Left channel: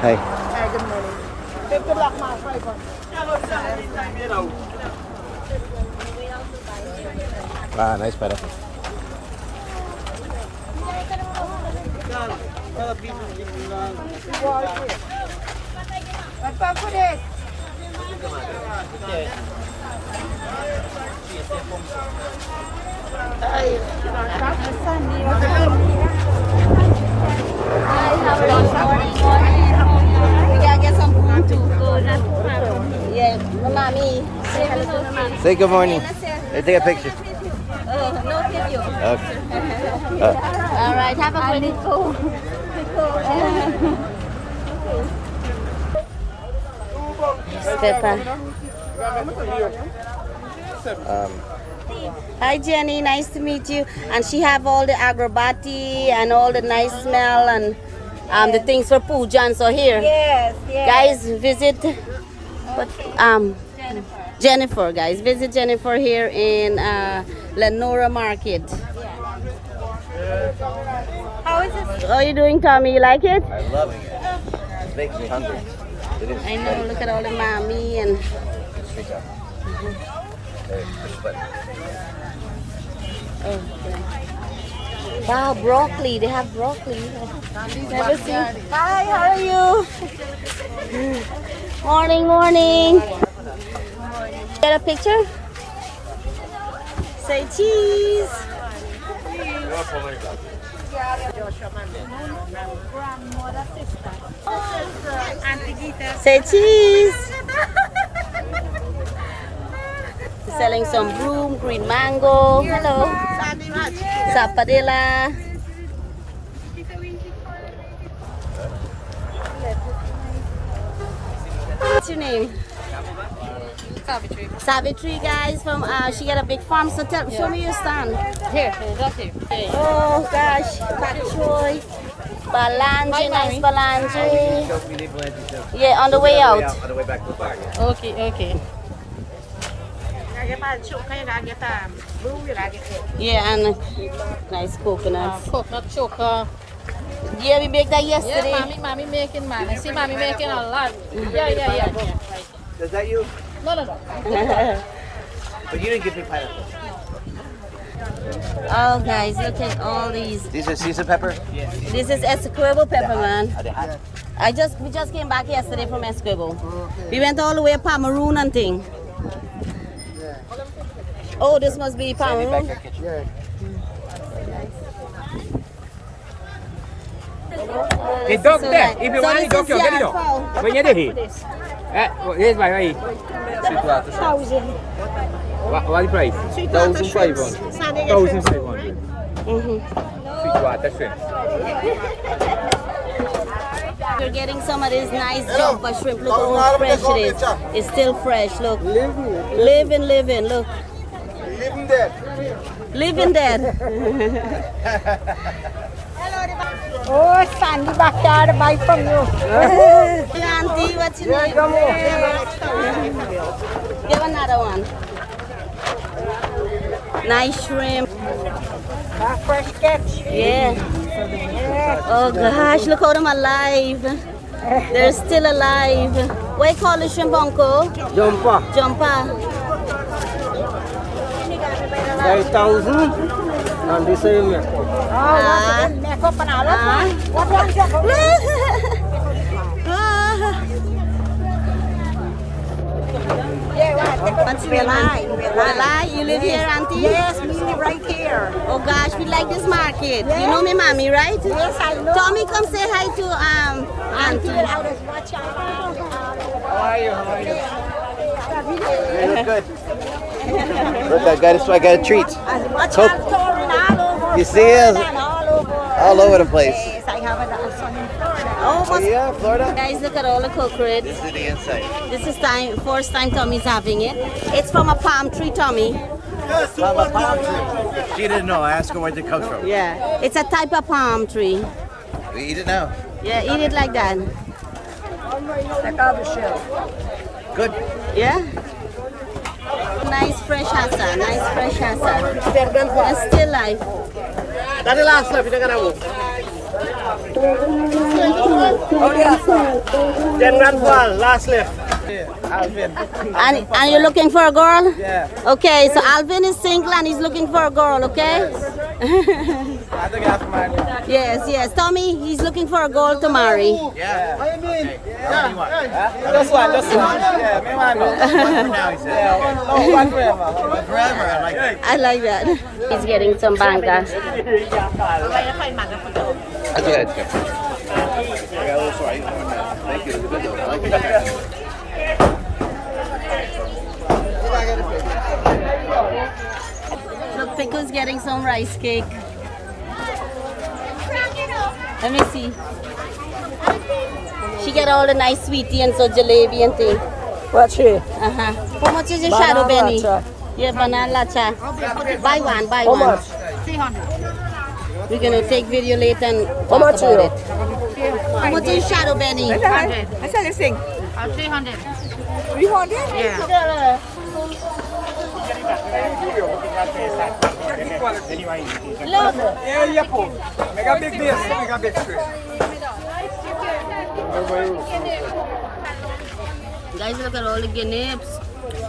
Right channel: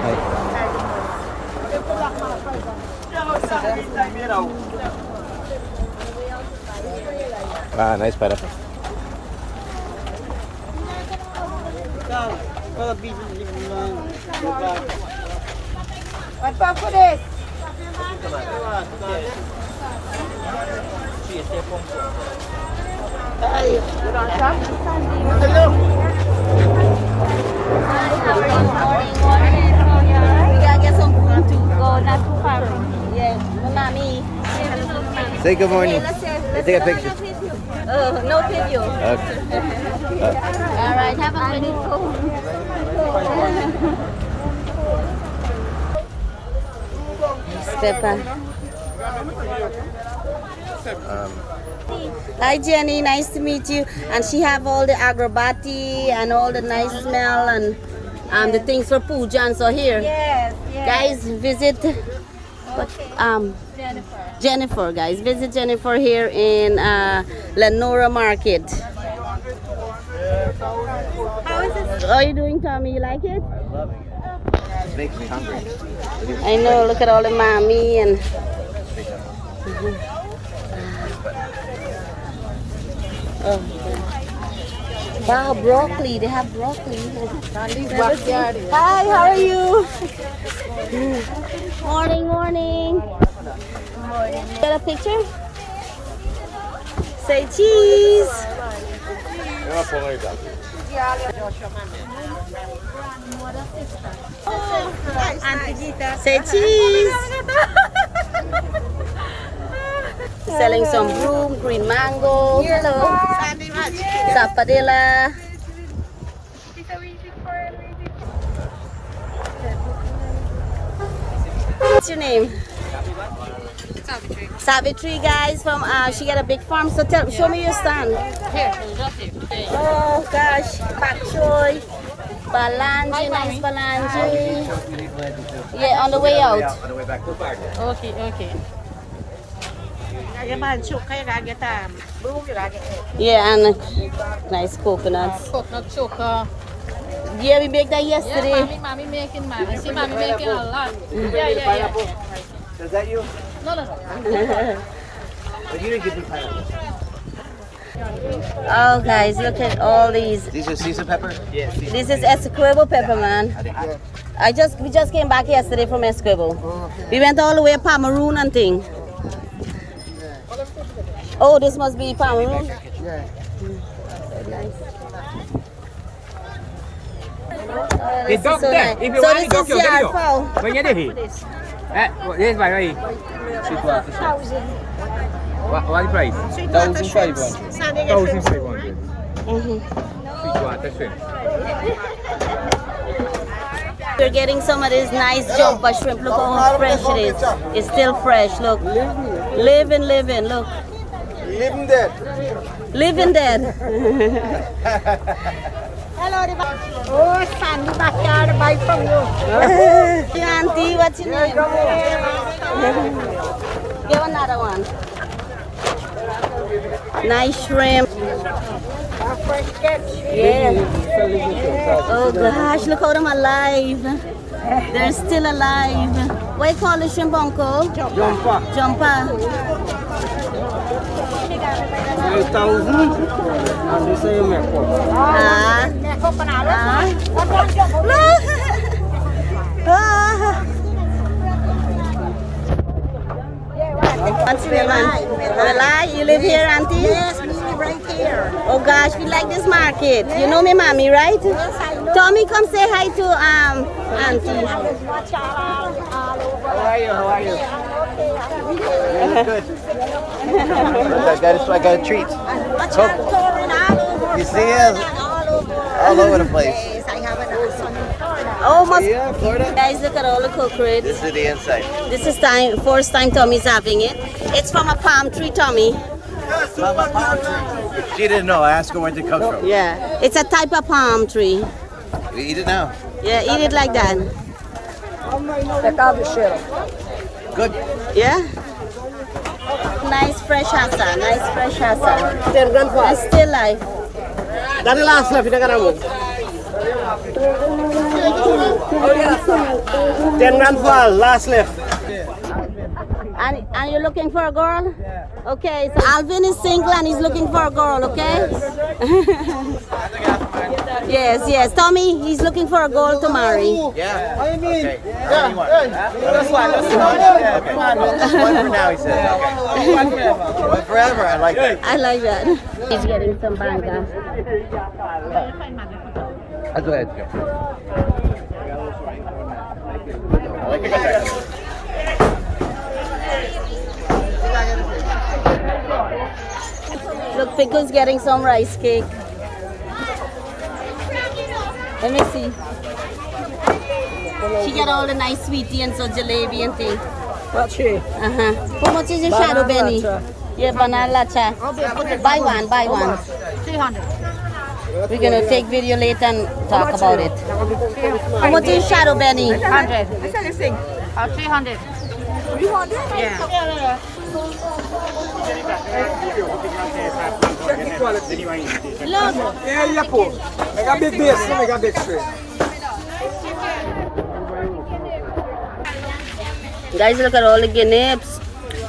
Hi. Ah, nice pineapple. We gotta get some room to go not too far from here. Yeah, mommy. Say good morning. Hey, take a picture. No video. Okay. All right, have a good day. Pepper. Hi Jenny, nice to meet you. And she have all the agrobati and all the nice smell and the things for puja and so here. Yes, yes. Guys, visit Jennifer. Guys, visit Jennifer here in Lenora Market. How are you doing, Tommy? You like it? I'm loving it. It makes me hungry. I know. Look at all the mommy and. Oh, yeah. Wow, broccoli. They have broccoli. Never seen. Hi, how are you? Morning, morning. Get a picture? Say cheese. Say cheese. Selling some broom, green mango. Hello. Sapadilla. What's your name? Savitri, guys. From she got a big farm. So show me your stand. Here, just here. Oh gosh, pak choy, balanji, nice balanji. Yeah, on the way out. Okay, okay. Yeah, and nice coconuts. Coconut choker. Yeah, we make that yesterday. Yeah, mommy making, man. I see mommy making a lot. Is that you? No. You didn't give me pineapple. Oh, guys, look at all these. These are seasoned pepper? Yeah. This is Essequibo pepper, man. We just came back yesterday from Essequibo. We went all the way to Pomeroon and thing. Oh, this must be Pomeroon. Yeah. So nice. Oh, this is so nice. So this is yard fowl. What price? 1,500. 1,500. Sweetwater shrimp. We're getting some of this nice jumper shrimp. Look how fresh it is. It's still fresh. Look. Living. Look. Living dead. Living dead. Oh, Sandy backyard buy from you. Hey, auntie, what's your name? Give another one. Nice shrimp. Fresh catch. Yeah. Oh gosh, look how them alive. They're still alive. What do you call the shrimp, uncle? Jumper. 5,000. And this is your makeup. Look. What's your name, Auntie? Malai, you live here, Auntie? Yes, me live right here. Oh gosh, we like this market. You know me, mommy, right? Yes, I know. Tommy, come say hi to Auntie. I just watch all. How are you? Okay, Good. I got a treat. I watch out touring all over You see Florida it? and all over the place. Yes, I have a son in Florida. Oh, must. Yeah, Florida. Guys, look at all the cockroach. This is the inside. This is first time Tommy's having it. It's from a palm tree, Tommy. She didn't know. I asked her where it comes from. Yeah, it's a type of palm tree. We eat it now. Yeah, eat it like that. Good. Yeah. Nice fresh hasa. And still live. 10 grand for all, last left. And you're looking for a girl? Yeah. Okay, so Alvin is single and he's looking for a girl, okay? Yes, yes. Tommy, he's looking for a girl to marry. Yeah. What do you mean? Okay. How many you want? This one. Okay. One now, he said. Okay. One forever. I like that. I like that. He's getting some banga. That's okay. That's good. I got a little sorry. Thank you. It's good though. I like your second. Look, Pico's getting some rice cake. Let me see. She got all the nice sweetie and so jalebi and thing. What's she? How much is your shadow Benny? Yeah, banana lacha. Buy one, buy one. 300. We're gonna take video later and talk about it. How much is shadow Benny? 100. I said this thing. 300. 300? Yeah. Check the quality. Yeah, yeah, pull. Make a big base, make a big straight. Guys, look at all the guineas.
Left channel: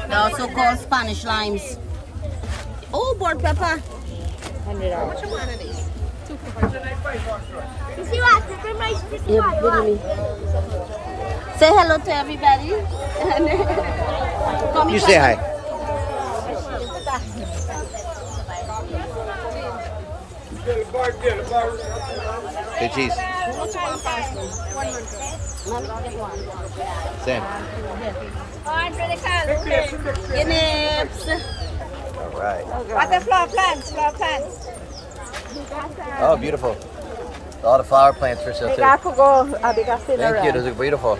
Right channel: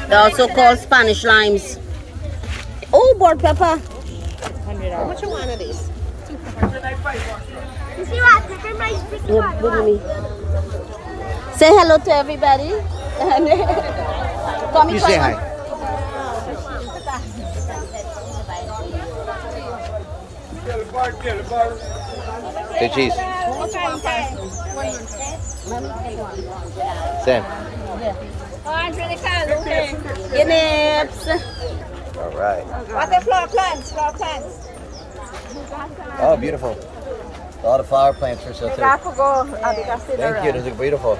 They're also called Spanish limes. Oh, board pepper. What you want of these? 2 for 100. Yeah, good to me. Say hello to everybody. Come You say hi. Say cheese. How much you want parcel? Mommy, get one. Same. Guineas. All right. What the flower plants? Flower plants. Oh, beautiful. All the flower plants for sale too. Thank Thank you. Those are beautiful.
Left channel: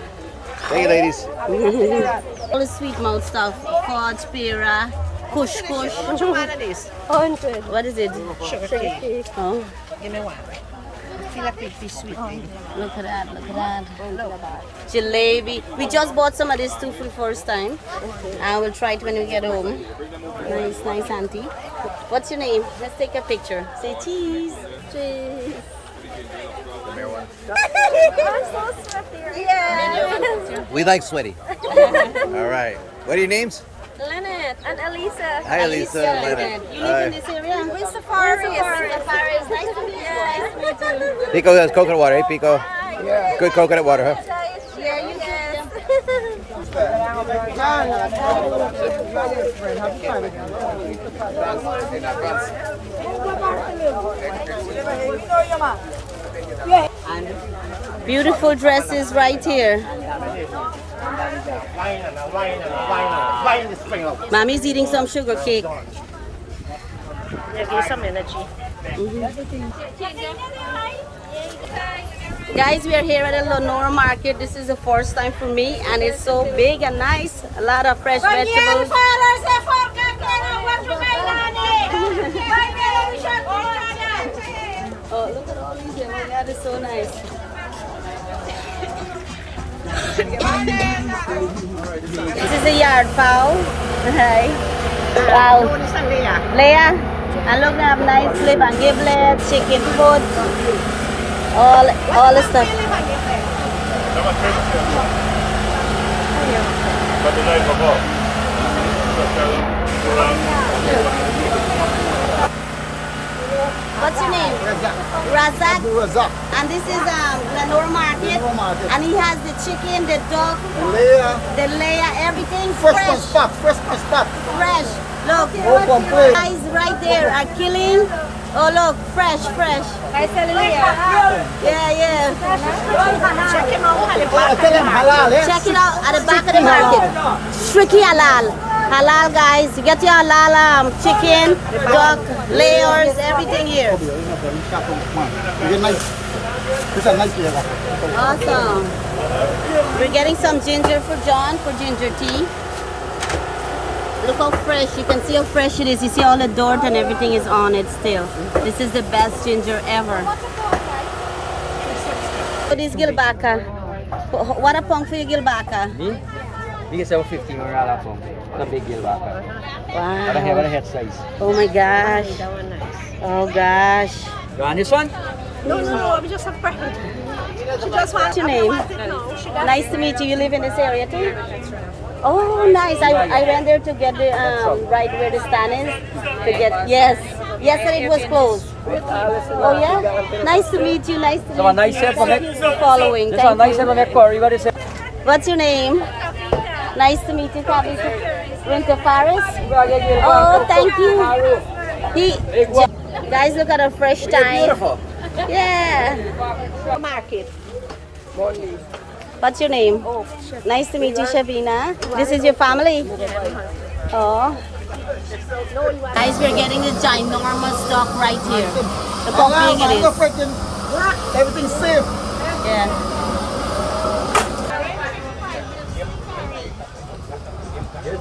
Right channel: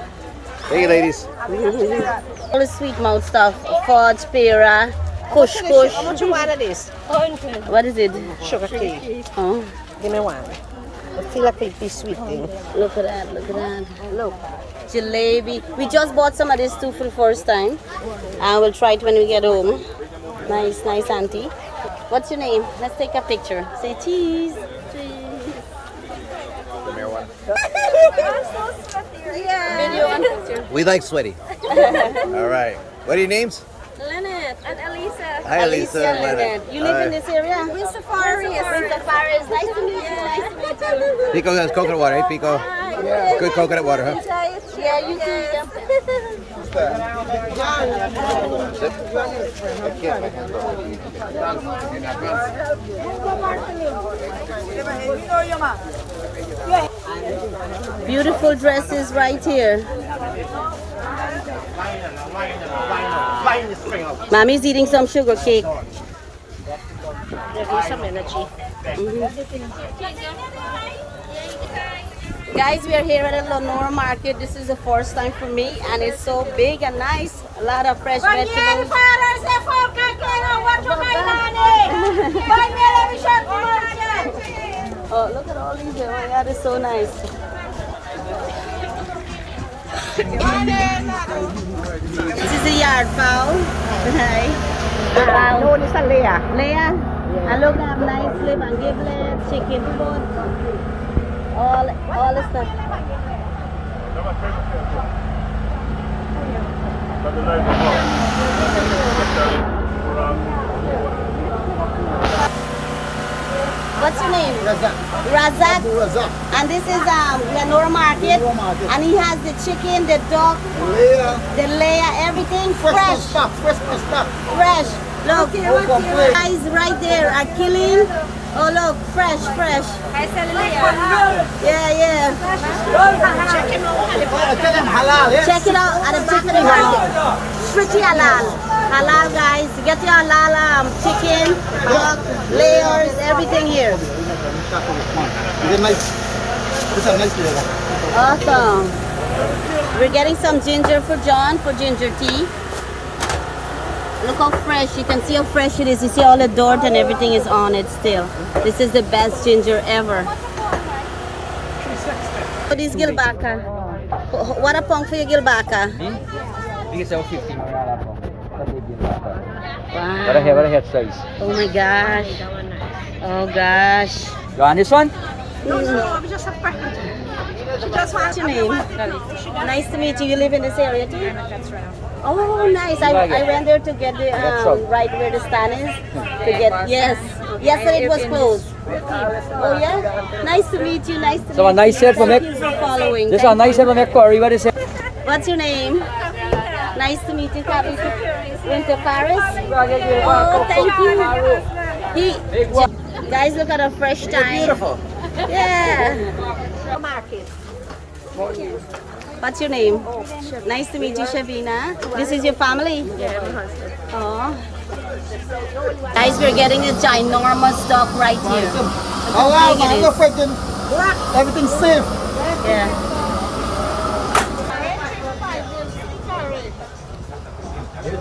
Thank you, ladies. All the sweet mouth stuff. Fudge, pera, kush kush. How much you want of these? What is it? Sugar cake. Oh, Give me one. I feel like it'd be sweet thing. look at that, look at that. Look. Jalebi. We just bought some of this too for the first time. And we'll try it when we get home. Nice, nice auntie. What's your name? Let's take a picture. Say cheese. Cheese. Yeah. We like sweaty. All right. What are your names? Lynette and Elisa. Hi, Elisa and Leonard. You live in this area? With Safari. Safari. Nice to meet you. Nice to meet you. Pico has coconut water, eh, Pico? Yeah. Good coconut water, huh? Yeah, you do. Beautiful dresses right here. Mommy's eating some sugar cake. Yeah, give me some energy. Guys, we are here at the Lenora market. This is the first time for me and it's so big and nice. A lot of fresh vegetables. Oh, look at all these here. Oh my God, it's so nice. This is a yard fowl. Right. Wow. No, this is Leah. Leah, and look, I have nice lip and giblets, chicken foot, all the stuff. What's your name? Razak. Razak. Razak. And this is Lenora Market. Lenora Market. And he has the chicken, the duck, Leah. the layer, everything Fresh fresh. spot. Fresh spot. Fresh. Look, guys right there are killing. Oh look, fresh. Yeah, yeah. Check it out at the back of the market. Strictly halal. Halal, guys. You get your halal chicken, duck, layers, everything here. It's a nice layer. Awesome. We're getting some ginger for John for ginger tea. Look how fresh. You can see how fresh it is. You see all the dirt and everything is on it still. This is the best ginger ever. For this gilbaka. What a pong for your gilbaka? This is 50 Marala po. The big gilbaka. Wow. What a head size. Oh my gosh. Oh gosh. You want this one? What's your name? Nice to meet you. You live in this area too? Oh, nice. I went there to get the right where the stand is. To get yes. Yesterday it was closed. Oh yeah. Nice to meet you. Nice to meet you. So a nice set from Thank you for following. This Thank one nice you. set from Corey. What is it? What's your name? Nice to meet you, Captain Winter Paris. Oh, thank you. Guys, look at a fresh time. Yeah. What's your name? Nice to meet you, Shabina. This is your family? Oh. Guys, we're getting a ginormous stock right here. Look how big it is. Everything's safe. Yeah.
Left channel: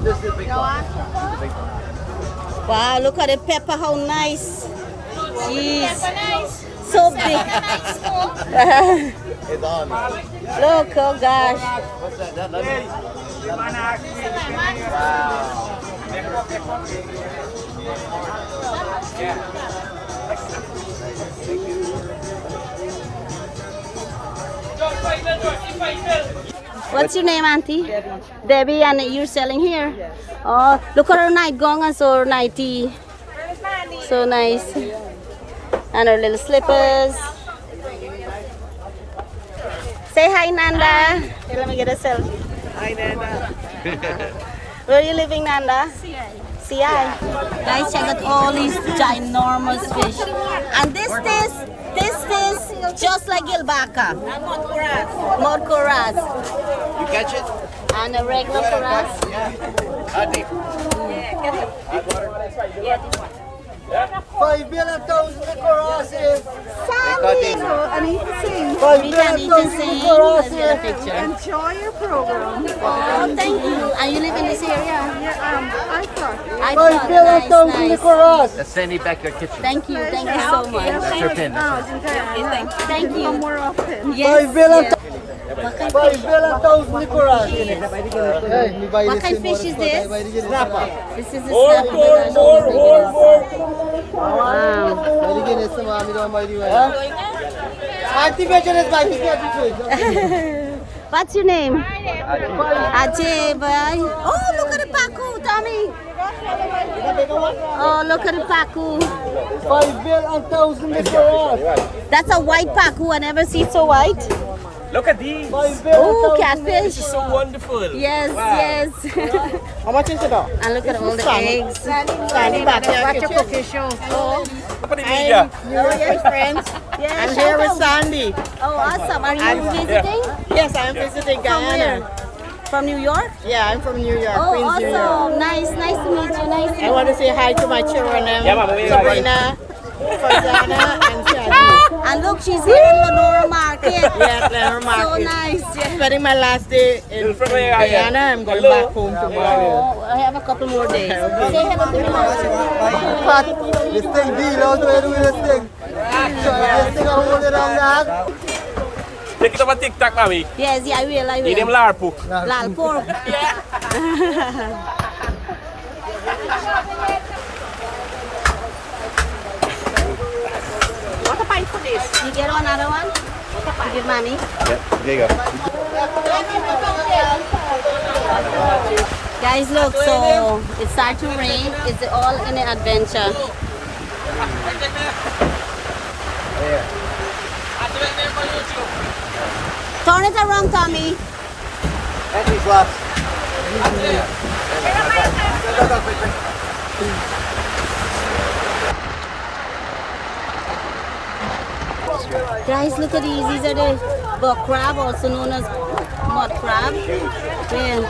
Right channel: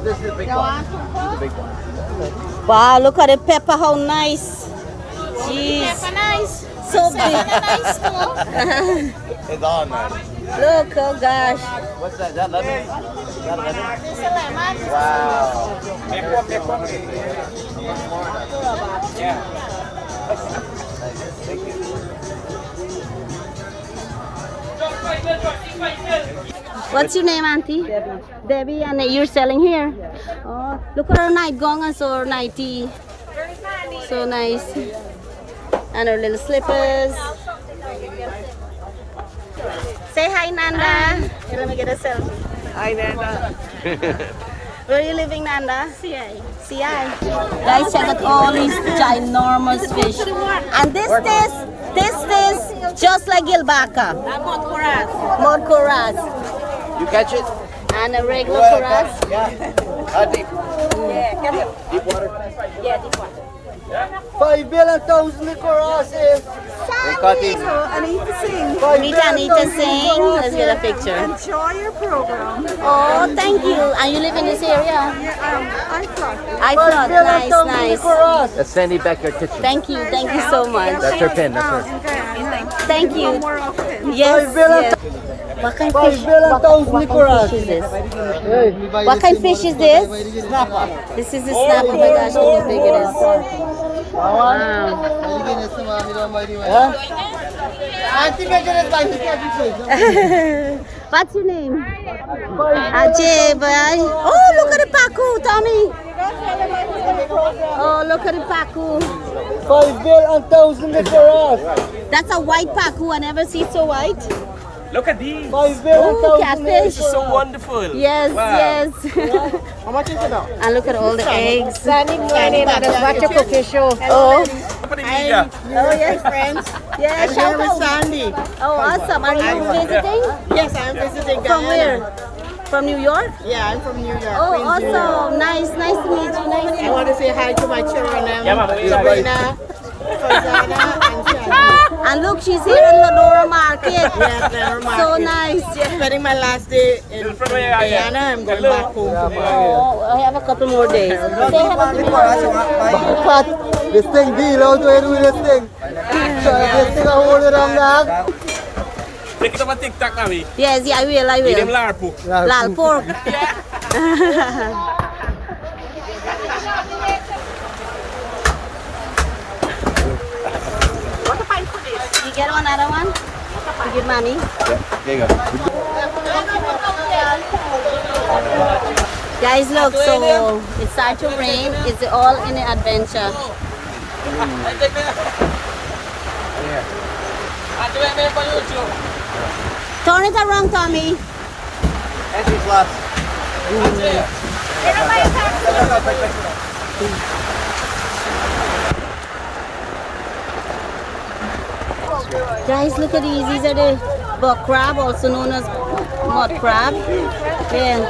This is the big one. This is the big one. Wow, look at the pepper, how nice. Jeez. So big. It's all nice. Look, oh gosh. What's that? Is that lemon? What's your name, Auntie? Debbie. Debbie, and you're selling here? Yes. Oh, look at her night gown and so her nightie. So nice. And her little slippers. Say hi, Nanda. Hey, let me get a selfie. Hi, Nanda. Where are you living, Nanda? CI. CI. Guys, check out all these ginormous fish. And this just like gilbaka. Mod coras. You catch it? And a regular coras. Yeah. Deep. Deep water. 5 billion thousand Coras. We caught these. Anita Singh. Anita sing. Let's get a picture. Enjoy your program. Oh, thank you. And you live in this area? Yeah, I thought. I thought, nice. That's Sandy Becker kitchen. Thank you so much. That's her pen. In Guyana. Thank you. More often. Yes. What kind of fish? What kind of fish is this? Snapper. This is a snapper. Oh my gosh, look how big it is. Wow. What's your name? Ajay, bye. Oh, look at the paku, Tommy. Oh, look at the paku. 5 billion thousand Coras. That's a white paku. I never see so white. Look at these. Oh, catfish. This is so wonderful. Yes, Wow. yes. How much is it now? And look at all the eggs. Oh, Yeah. oh yes, friends. Yeah, I'm shout here with out. Sandy. Oh, awesome. Are you visiting? Yes, I'm visiting From Guyana. where? From New York? Yeah, I'm from New York. Oh, Queens, New York. awesome. Nice to meet you. Nice to I meet want to say hi to my children, Sabrina, Farzana, and Shadi. And look, she's here in Lenora Market. Yes, Lenora Market. So nice. Yeah. Spending my last day in Guyana. I'm going back home tomorrow. Oh, I have a couple more days. Say hello to me. This thing, deal out way doing this thing. Take it up on TikTok, Ami. Yes, yeah, I will. Eat them larpu. Lal pork. You get another one? To give mommy? Yeah, there you go. Guys, look, so it started to rain. It's all in an adventure. Turn it around, Tommy. And he's lost. Guys, look at these. These are the buck crab, also known as mud crab. Yeah.